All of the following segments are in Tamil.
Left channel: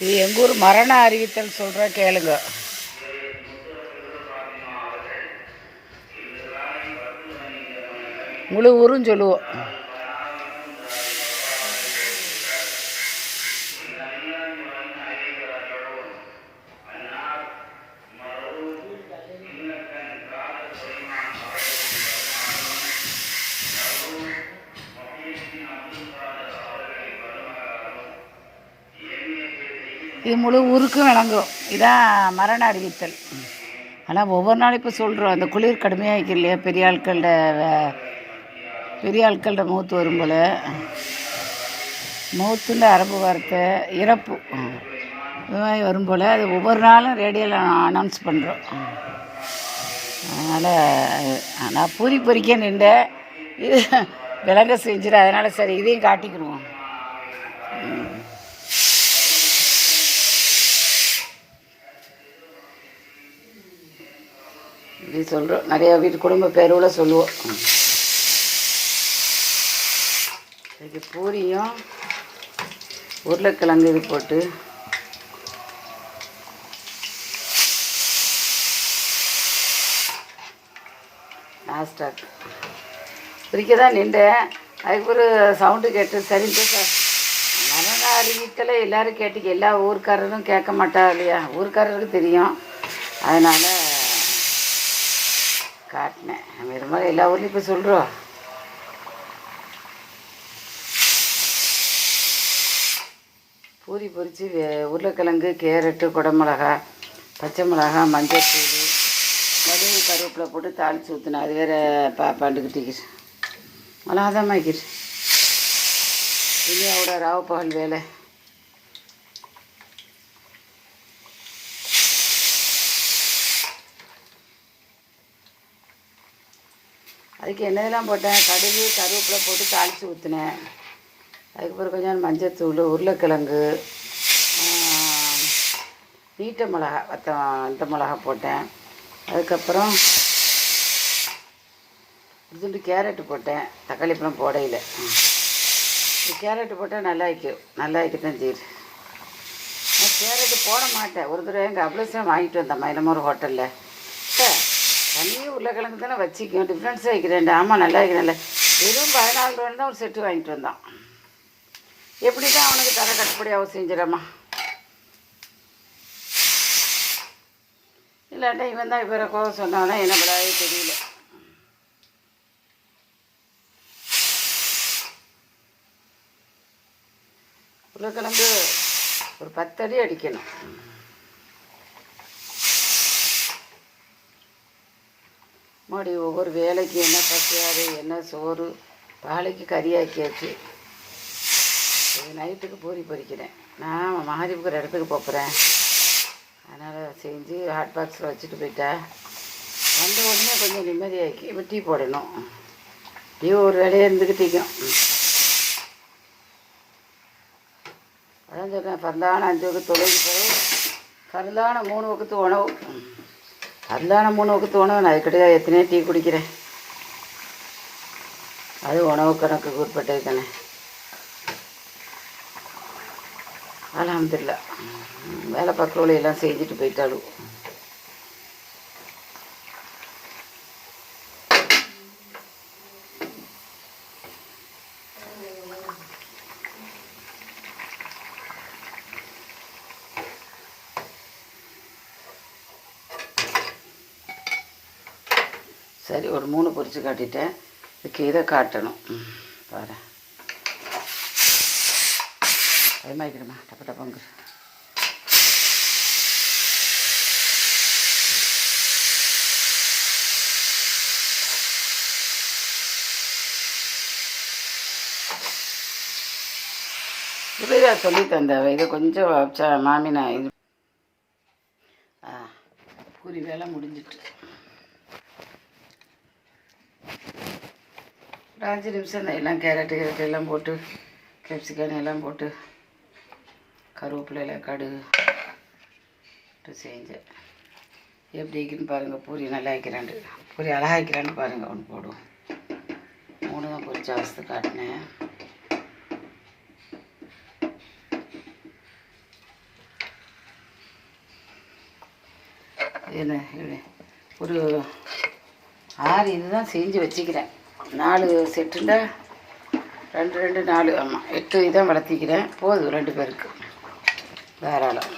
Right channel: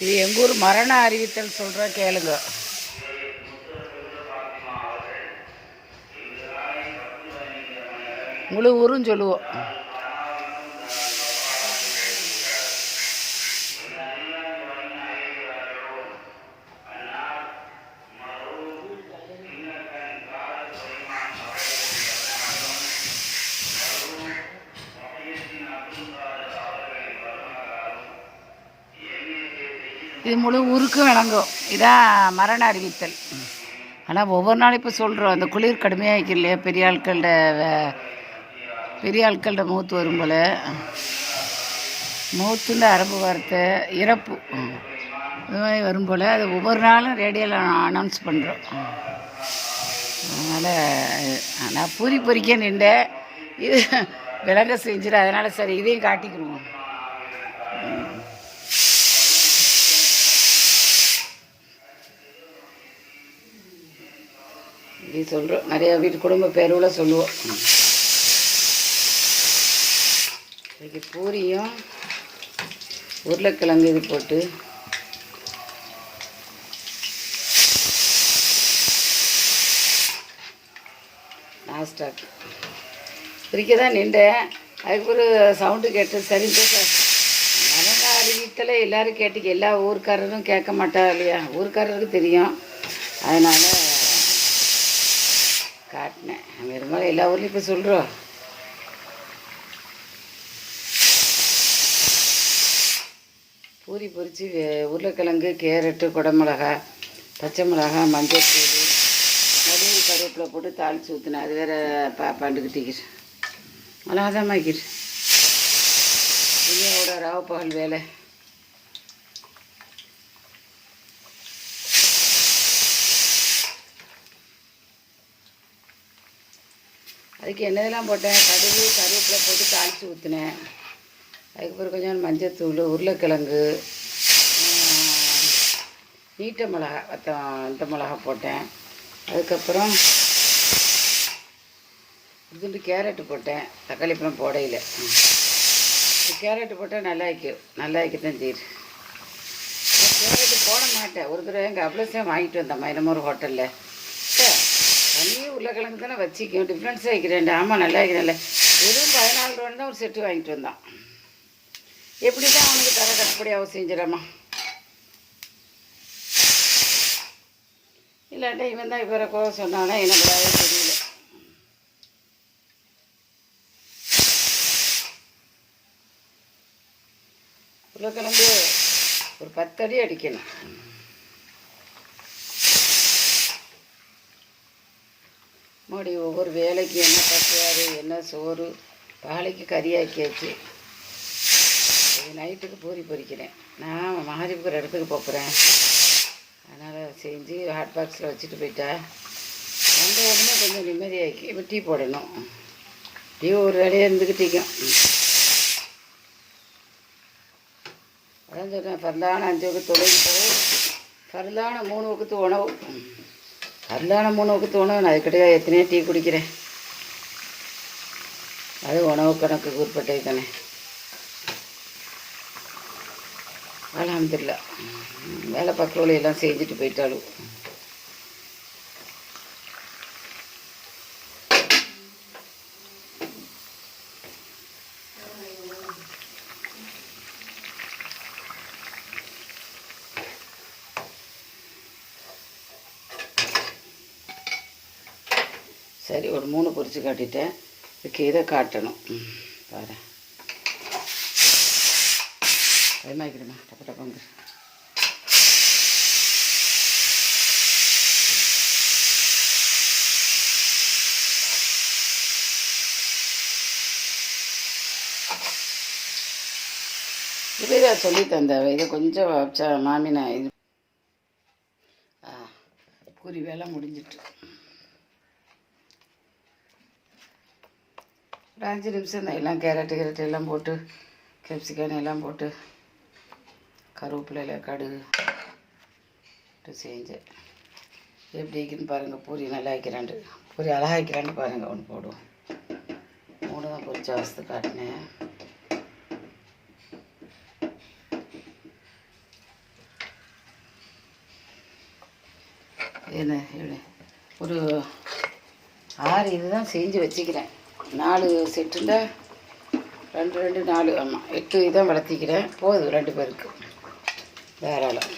இது எங்கள் ஊர் மரண அறிவித்தல் சொல்கிற கேளுங்க. முழு ஊரும் சொல்லுவோம். இது முழு ஊருக்கும் விளங்கும். இதான் மரண அறிவித்தல். ஆனால் ஒவ்வொரு நாளும் இப்போ சொல்கிறோம், அந்த குளிர் கடுமையாக இருக்கு இல்லையா, பெரிய ஆட்கள்ட மூத்து வரும் போல், மூத்துன்ற அரபு வார்த்தை இறப்பு, இது மாதிரி வரும் போல் அது ஒவ்வொரு நாளும் ரேடியோவில் அனௌன்ஸ் பண்ணுறோம். அதனால் நான் பூரி பொறிக்க நின்றேன், இது விளங்க செஞ்சிடும். அதனால் சரி இதையும் காட்டிக்கிடுவோம். இப்படி சொல்கிறோம். நிறையா வீட்டு குடும்ப பேருவில் சொல்லுவோம். இதுக்கு பூரியும் உருளைக்கிழங்கு இது போட்டு நாஸ்டாக்கு பிரிக்க தான் நின்றேன். அதுக்கு ஒரு சவுண்டு கேட்டு சரின்ட்டு மரண அறிவித்தலை எல்லோரும் கேட்டுக்க, எல்லா ஊருக்காரரும் கேட்க மாட்டா இல்லையா, ஊருக்காரருக்கு தெரியும். அதனால் காட்டினேன். பெரும்பாலும் எல்லா ஊர்லேயும் இப்போ சொல்கிறோம். பூரி பொரித்து உருளைக்கிழங்கு, கேரட்டு, குடமிளகா, பச்சை மிளகா, மஞ்சள் தூள், கடுகு, கருவேப்பிலை போட்டு தாளித்து ஊற்றினேன். அது வேறு பண்டுக்கிட்டிக்கிட்டு மிளகாதான் மாய்க்கிட்டு இனியாவோட ராவு பகல் வேலை. அதுக்கு என்னதெல்லாம் போட்டேன், கடுகு, கருவேப்பிலை போட்டு தாளித்து ஊற்றினேன். அதுக்கப்புறம் கொஞ்சம் மஞ்சத்தூள், உருளைக்கிழங்கு, நீட்ட மிளகா, இந்த மிளகா போட்டேன். அதுக்கப்புறம் இதுண்டு கேரட்டு போட்டேன். தக்காளி பழம் போடையில் கேரட்டு போட்டால் நல்லா வைக்கத்தான் செய்யுது. நான் கேரட்டு போட மாட்டேன். ஒரு தடவை எங்கள் அப்ளஸாக வாங்கிட்டு வந்தேன் என்னமோ ஒரு ஹோட்டலில். தண்ணியும் உருளைக்கிழங்கு தானே வச்சிக்கும், டிஃப்ரென்ஸாக வைக்கிறேன். ஆமாம் நல்லா வைக்கிறேன்ல. வெறும் 14 ரூபான்னு தான் ஒரு செட்டு வாங்கிட்டு வந்தான். எப்படி தான் அவனுக்கு தர கட்டுப்படியாக செஞ்சிடமா, இல்லாட்டா இவன் தான் இப்போ கோவ சொன்னானா என்ன படாதே தெரியல. உருளைக்கிழங்கு ஒரு 10 அடி அடிக்கணும். மறுபடி ஒவ்வொரு வேலைக்கு என்ன பசியாறு, என்ன சோறு, பாலைக்கு கறி ஆக்கியாச்சு. இது நைட்டுக்கு பூரி பொரிக்கிறேன். நான் மகாதீபுக்கு ஒரு இடத்துக்கு போகிறேன். அதனால் செஞ்சு ஹாட் பாக்ஸில் வச்சுட்டு போயிட்டா வந்த உடனே கொஞ்சம் நிம்மதியாகி இப்போ டீ போடணும். டீ ஒரு வேலையாக இருந்துக்கிட்டிக்கும். அதான் சொல்கிறேன், பரந்தான 5 வகுத்து தொலைக்கு பிறகு பரந்தான 3 வகுத்து உணவு. பரந்தான 3 வகுத்து உணவு. நான் அதுக்கிட்ட எத்தனையோ டீ குடிக்கிறேன். அது உணவு கணக்குக்கு உட்பட்டது தானே. அல்ஹம்துலில்லாஹ் வேலை பார்க்குறவளை எல்லாம் செஞ்சுட்டு போயிட்டாலும். சரி ஒரு 3 பொரிச்சு காட்டிட்டேன். கீரை காட்டணும் பாரு. பயமாக்கிறமா டப்ப டப்பங்கு. இப்படியே சொல்லி தந்தவ இதை கொஞ்சம் வச்சா மாமினா இது. பூரி வேலை முடிஞ்சிட்டு ஒரு 5 நிமிஷம் தான். எல்லாம் கேரட்டு எல்லாம் போட்டு, கேப்சிகம் எல்லாம் போட்டு, கருவேப்பிலையில் கடுகு செஞ்சேன். எப்படி வைக்கணும்னு பாருங்கள். பூரி நல்லா வைக்கிறாண்டு, பூரி அழகாக வைக்கிறான்னு பாருங்கள். ஒன்று போடுவோம். 3 தான் பொரிச்ச அவஸ்தை காட்டினேன். என்ன ஒரு 6 இதுதான் செஞ்சு வச்சுக்கிறேன். 4 செட்டுண்டா 2 2 4 ஆமாம் 8 இதான் வளர்த்திக்கிறேன். போதும் 2 பேருக்கு தாராளம்.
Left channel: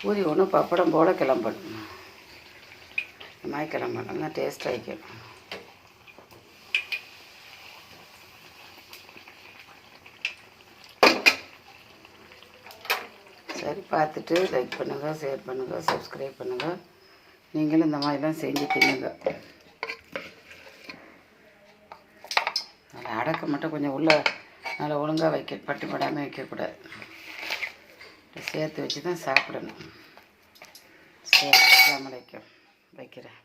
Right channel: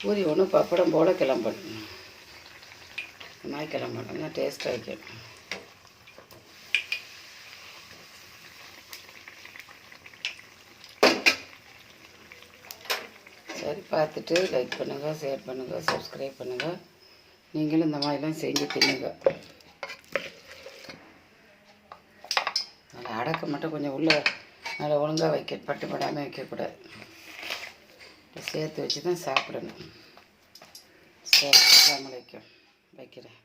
பூரி ஒன்று பப்படம் போல் கிளம்பணும். இந்த மாதிரி கிளம்பணும், நல்லா டேஸ்ட் ஆகிக்கணும். சரி, பார்த்துட்டு லைக் பண்ணுங்கள், ஷேர் பண்ணுங்கள், சப்ஸ்கிரைப் பண்ணுங்கள். நீங்களும் இந்த மாதிரிலாம் செஞ்சு தின்னுங்க. அதில் அடக்க மட்டும் கொஞ்சம் உள்ளே நல்லா ஒழுங்காக பட்டுப்படாமல் வைக்கக்கூடாது. சேர்த்து வச்சு தான் சாப்பிடணும். சரி, அஸ்ஸலாமு அலைக்கும் வைக்கிறேன்.